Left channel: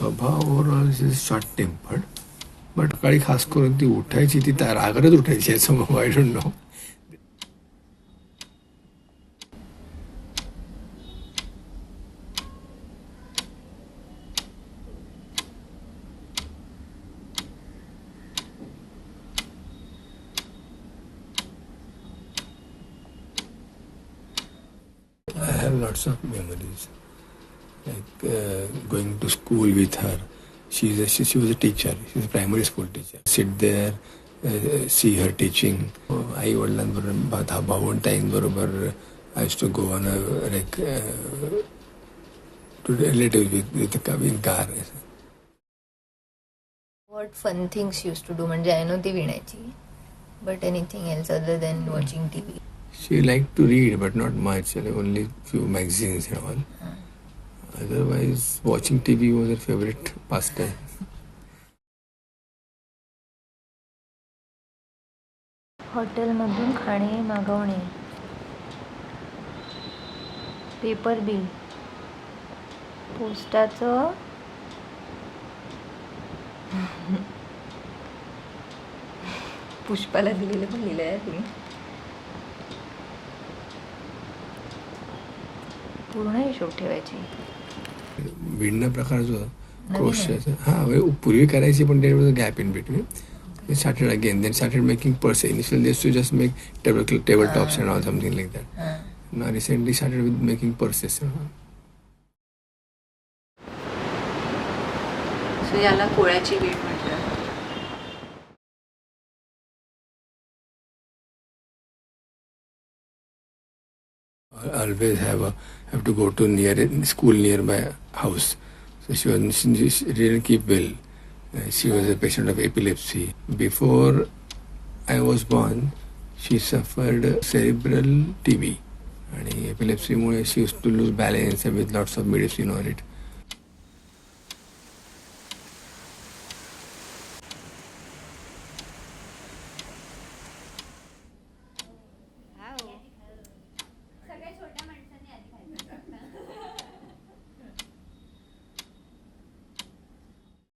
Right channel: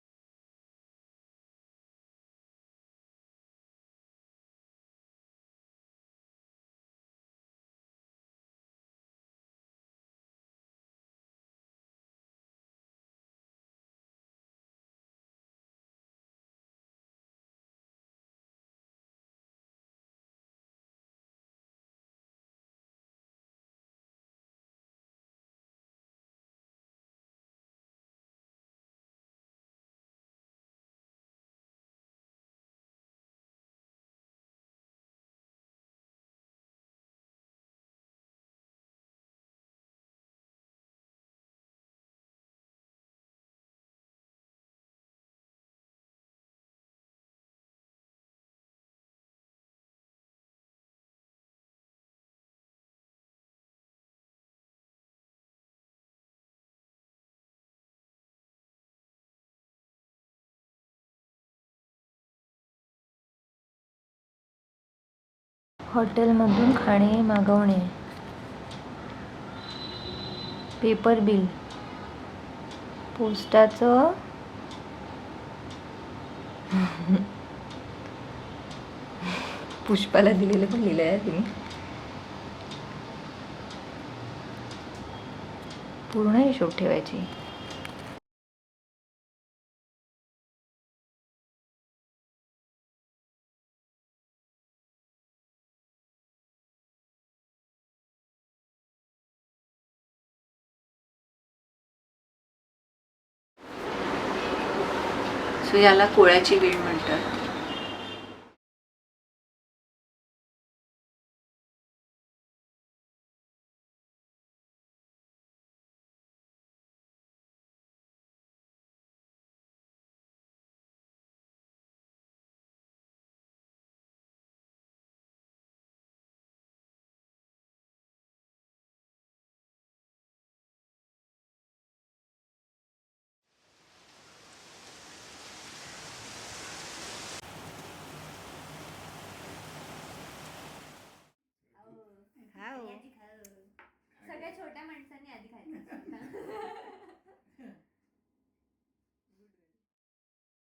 स्वभाव overall is short tempered, but सकाळी खास करून ती उठायची, ती रागातच उठायची याचं I don't know. I have lots of memories, like going to school with her. She was a teacher. She was a primary school teacher. Sit there, see her teaching. आई वडिलांबरोबर भावंडाईंबरोबर I used to go on a to relatives with in car. What fun things you used to do? म्हणजे I know ती विणायची, but anything else other than watching TV? She liked to read, but not much. Only few magazines and all. Otherwise, watching TV was her favorite pastime. हॉटेलमधून खाणे मागवणे, paper bill, पोस्टाचं पुष्पाला दिलेलं पण लिहिलं आहे तुम्ही. पूर्ण हिशोब ठेवायची. विणणं प्रकार जो क्रोशियाचा पूर्वी करायची, पण there was a gap in between. We started again, then started making purse. Initially they used to just make tabletops and all, something like that. Now recently started with making purses. सो याला कोळ्याची वीण म्हणतात. Always have to go to school nearby house. So she didn't keep well. She was a patient of epilepsy. Before I was born, she suffered cerebral TB. And epilepsy, she used to lose balance with lots of medicine on it.